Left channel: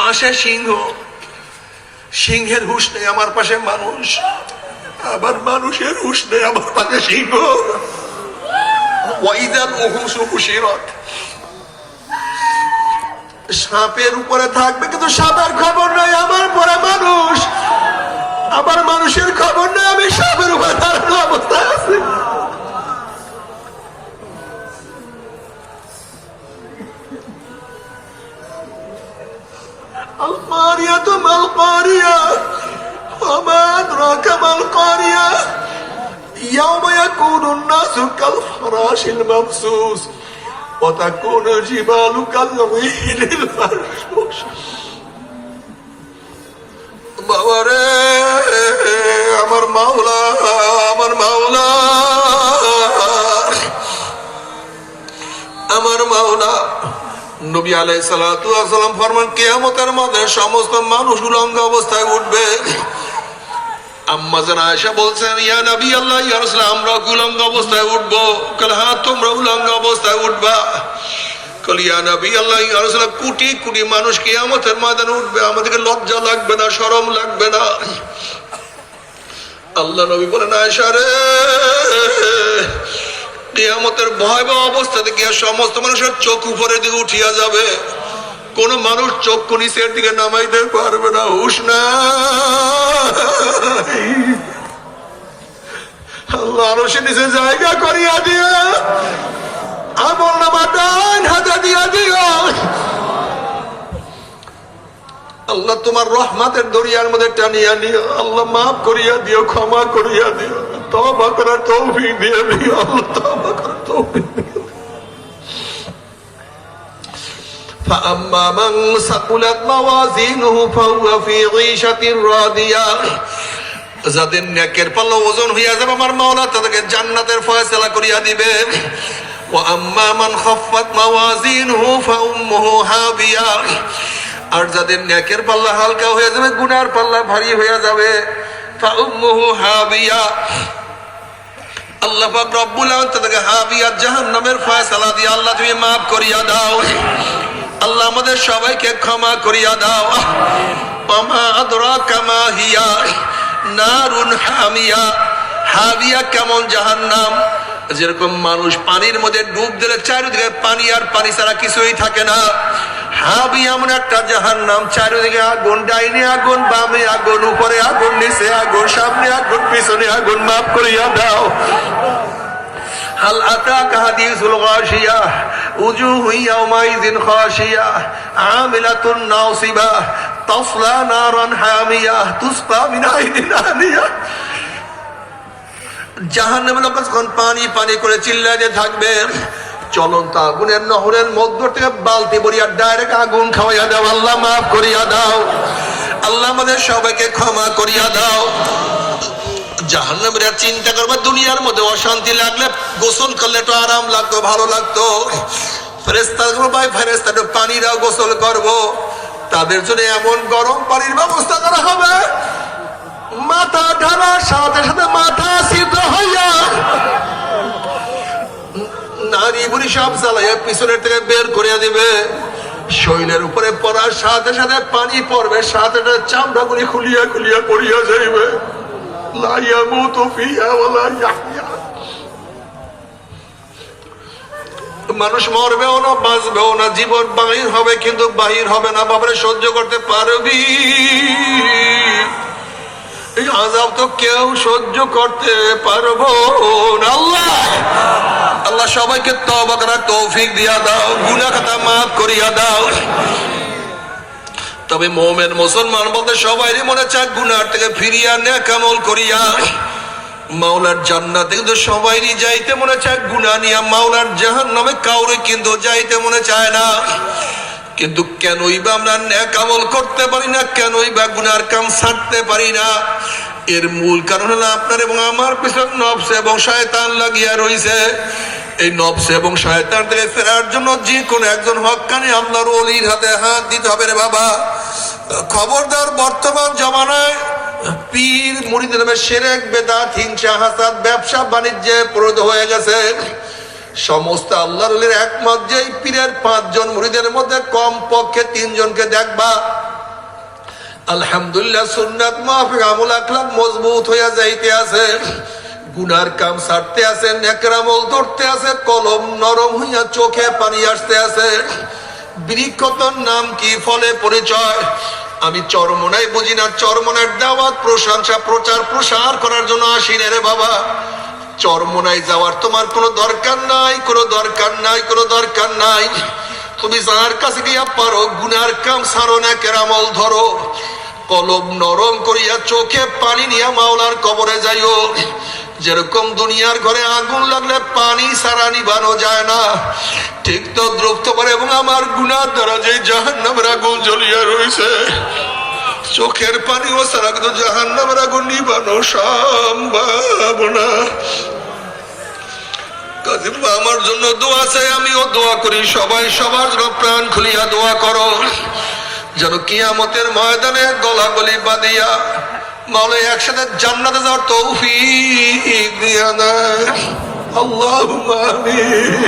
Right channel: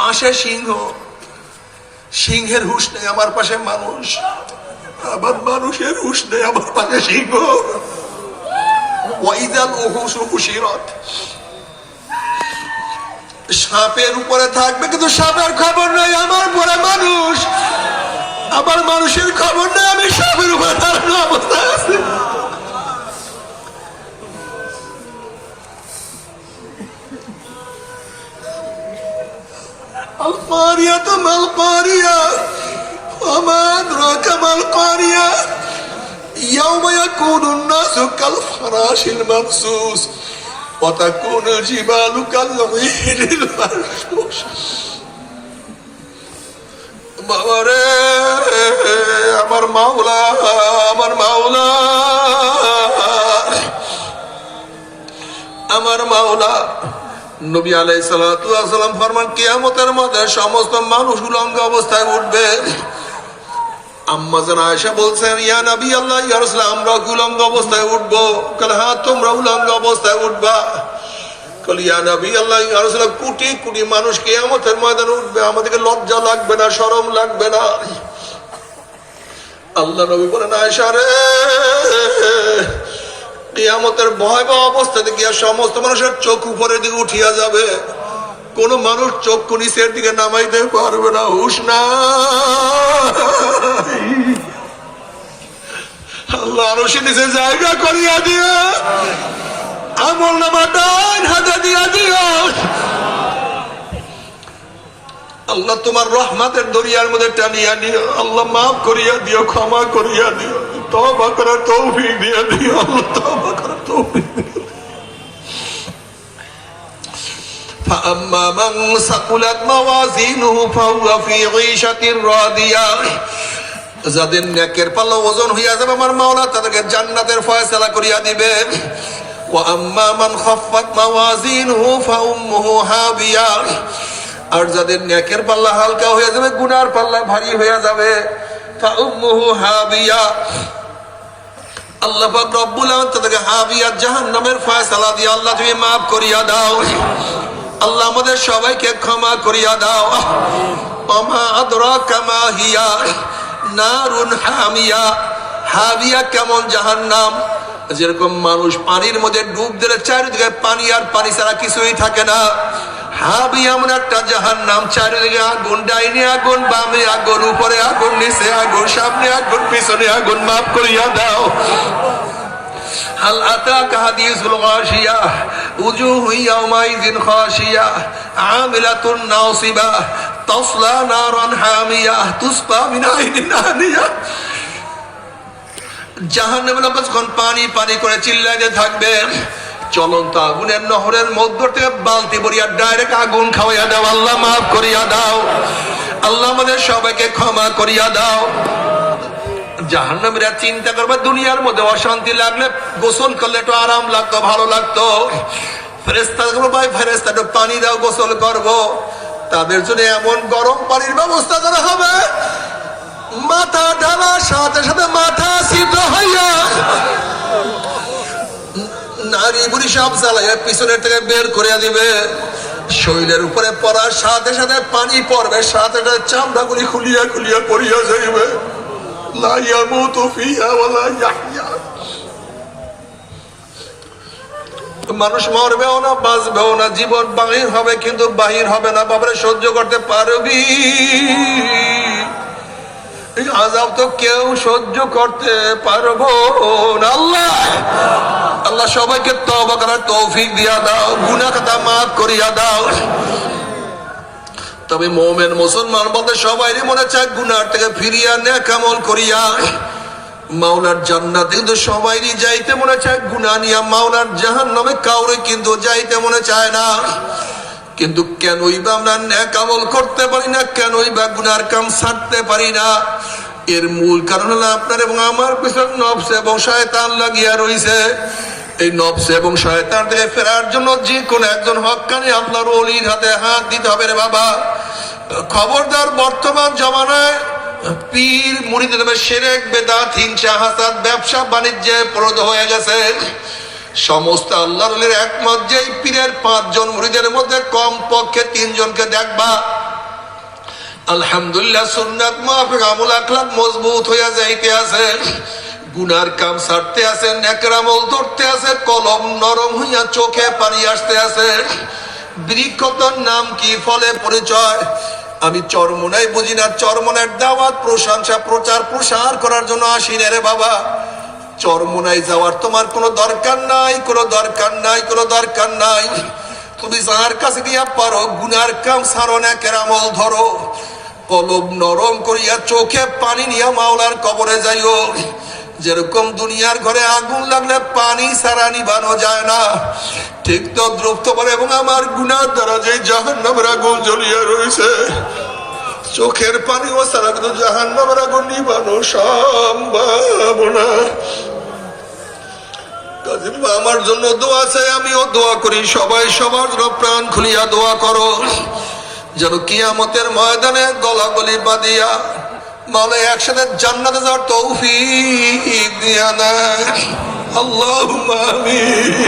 পাশে সিংহ। সিংহের হুশ নেই আমার পাশে মানুষ। আবার মানুষের হুশ নেই আমার পাশে সিংহ। ওয়াইদাল ওহুস হুশিরত সাপের উপরে থাকবে কিন্তু সাপের খবর নাই আমার পরে মানুষ। আবার মানুষের খবর নেই আমি সাপের উপরে দাঁড়ানো অবস্থায় আছি। القارية ما القارية وما أدراك ما القارية يوم يكون الناس كالفراش المبسوس وتكون الجبال كالغير المنفوش বাবারে আমার মাওলা আমার মাওলা আমার মাওলা নবী আলাই সালাম ফরমান, কেয়ামতের মধ্যে সমস্ত মানুষ উলঙ্গ অবস্থায় উঠবে। আম্মা জান আয়সা বলছেন, ইয়া নবী আল্লাহ, ইয়া আমরা উলঙ্গ অবস্থায় উঠবো। কাল হ্যাঁ তোমরা উলঙ্গ অবস্থায় উঠবা। কল, ইয়া নবী আল্লাহ, ইয়া রাসূল, কোটি কোটি মানুষ কিয়ামতের ময়দানে উঠবে। আমাদেরকে লজ্জা লাগবে না, শরম লাগবে না। আল্লাহ নবী বলেন আয়সা রে কিয়ামতের ভয়াবহ অবস্থা থেকে সমস্ত মানুষের চোখ উপরের দিকে উঠিয়া যাবে। কোন মানুষ চক্ষু নিচের দিকে নামাইতে পারবে না, হুশ না। আল্লাহ নিচে জায়গা করিয়া দিয়ে আমল নামা ডান হাতে দিয়া দিও আল্লাহ তোমার রহমাতের দরিয়ার মধ্যে টানিয়া নিও। আল্লাহ মাফ করিয়া দিও, ক্ষমা করিয়া দিও। তবা করার তৌফিক দিয়ে দিও আল্লাহ তবা করার তৌফিক দিও فأما من ثقلت موازينه فهو في عيشة راضية যাদের নেকের পাল্লা ওজন হইয়া যাবে আমার মাওলা তাদেরকে জান্নাতের ফয়সালা করিয়া দিবে وأما من خفت موازينه فأمه هاوية আর যাদের নেকের পাল্লা হালকা হয়ে যাবে গুনার পাল্লা ভারী হয়ে যাবে فأمه هاوية আল্লাহ রব্বুল তাদেরকে হাবিয়া জাহান্নামের ফয়সালা দিয়ে আল্লাহ তুমি মাফ করিয়া দাও। আল্লাহ আমাদের সবাইকে ক্ষমা করিয়া দাও। আমা আদরা কামা হিয়া নারুন হামিয়া। হাবিয়া কেমন জাহান্নাম? যেরকম মানুষ পানির মধ্যে ডুব দিলে চারিদিকে পানি আর পানি ছাড়া কিছুই থাকে না। হাবি এমন একটা জাহান নাম চারিদিকে আগুন ডাইনে আগুন বামে আগুন উপরে আগুন নিচে আগুন সামনে আগুন পিছনে আগুন মাফ করিয়া দাও هل أتاك حديث الغاشية وجوه يومئذ خاشية عاملة ناصبة تصلى نارا حامية تسقى من عين آنية জাহান নামে লোক যখন পানি পানি করে চিল্লাইতে থাকবে চলন্ত আগুনের নহরের মধ্য থেকে বালতি বরিয়া ডাইরেক্ট আগুন খাওয়াইয়া দাও। আল্লাহ মাফ করিয়া দাও। আল্লাহ আমাদের সবাইকে ক্ষমা করিয়া দাও। জাহান্নামীরা চিন্তা করবে, দুনিয়ার মধ্যে অশান্তি লাগলে গোসল করলে একটু আরাম লাগতো, ভালো লাগতো। ফেরেস্তা ভাই ফেরেস্তা একটু পানিরাও গোসল করব। তাদের জন্য এমন গরম পানির ব্যবস্থা করা হবে। মাথা ঢালার সাথে সাথে মাথা সিদ্ধ হইয়া নারী বুড়ি সব চালাইয়া পিছনের থেকে বের করে দিবে। শৈলের উপরে পড়ার সাথে সাথে পানি পড়বে, সাথে সাথে চামড়া গুলি খুলিয়া খুলিয়া পড়িয়া যাইবে। লা ইয়ামুতু ফিহা ওয়ালা ইয়াহইয়া। মানুষ মরবেও না, বাঁচবেও না, জীবন বাহির হবে কিন্তু বাহির হবে না বাবারে সহ্য করতে পারবি। আজাব তো কেউ সহ্য করতে পারব না, আল্লাহ! আল্লাহ সবাইকে তবা করার তৌফিক দিয়া দাও গুনা কথা মাফ করিয়া দাও। তবে মোমেন মুসলমান বলতে সবাই মনে চায় গুনার থেকে ফিরিয়া নে কেমন করিয়া। মাওলার জান্নাতে কিন্তু সবাইরই যাইতে মনে চায় গুনা নিয়া মাওলার জাহান নামে কাউরে কিন্তু যাইতে মনে চায় না। কিন্তু কেনই বা আমরা ন্যাক করতে পারি না, কেনই বা গুনার কাম ছাড়তে পারি না। এর মূল কারণ হলো আপনার এবং আমার পিছন নবস এবং শয়তান লাগিয়া রয়েছে এই নবস এবং শয়তান থেকে ফেরার জন্য যে কোনো একজন হকানি আপনার অলির হাতে হাত দিতে হবে রে বাবা। খবরদার বর্তমান জমানায় পীর মুড়িদ সেরেক, বেদাত, হিংসা, হাসাদ, ব্যবসা, বাণিজ্যে প্রদ হয়ে গেছে। সমস্ত আল্লাহর একমত যে পীরের পাঁচজন মুড়িদের মধ্যে কম পক্ষে তিনজনকে দেখবা। আলহামদুলিল্লাহ, সুন্নাত মাফিক, আমল আখলাক মজবুত হইয়া যাইতে আছে। গুনার কাম ছাড়তে আছে আমল ধরতে আছে, কলম নরম হইয়া চোখে পানি আসতে আছে। বৃক্ষতর নাম কি, ফলে পরিচয়? আমি চরমনাই বুঝি না চরমনের দাওয়াত, প্রশংসা, প্রচার, প্রসার করার জন্য আসি রে বাবা। চরমনাই যাওয়ার তোমার কোনো দরকার নাই, কোনো দরকার নাই, কোনো দরকার নাই। তুমি যার কাছে গিয়া পারো, গুনার কাম সারো না কেরামল ধরো। কলম নরম করিয়া চোখে পানি নিয়া মাওলার কবরে যাইও। যেরকম দুনিয়ার ঘরে আগুন লাগলে পানি সারা নিবানো যায় না। ঠিক তো দ্রুপ্ত করে এবং আমার গুনার দ্বারা যে জাহান্নামের আগুন জ্বলিয়া রয়েছে চোখের পানি ও সারা কিন্তু জাহান্নামের আগুন নিবানো সম্ভব না। আমার জন্য দোয়া চাই, আমিও দোয়া করি। সবাই সবার জন্য প্রাণ খুলিয়া দোয়া করো। যেন কিয়ামতের ময়দানে গলাগলি বাদিয়া মলে একসাথে জান্নাতে যাওয়ার তৌফিক দিয়া না আল্লাহ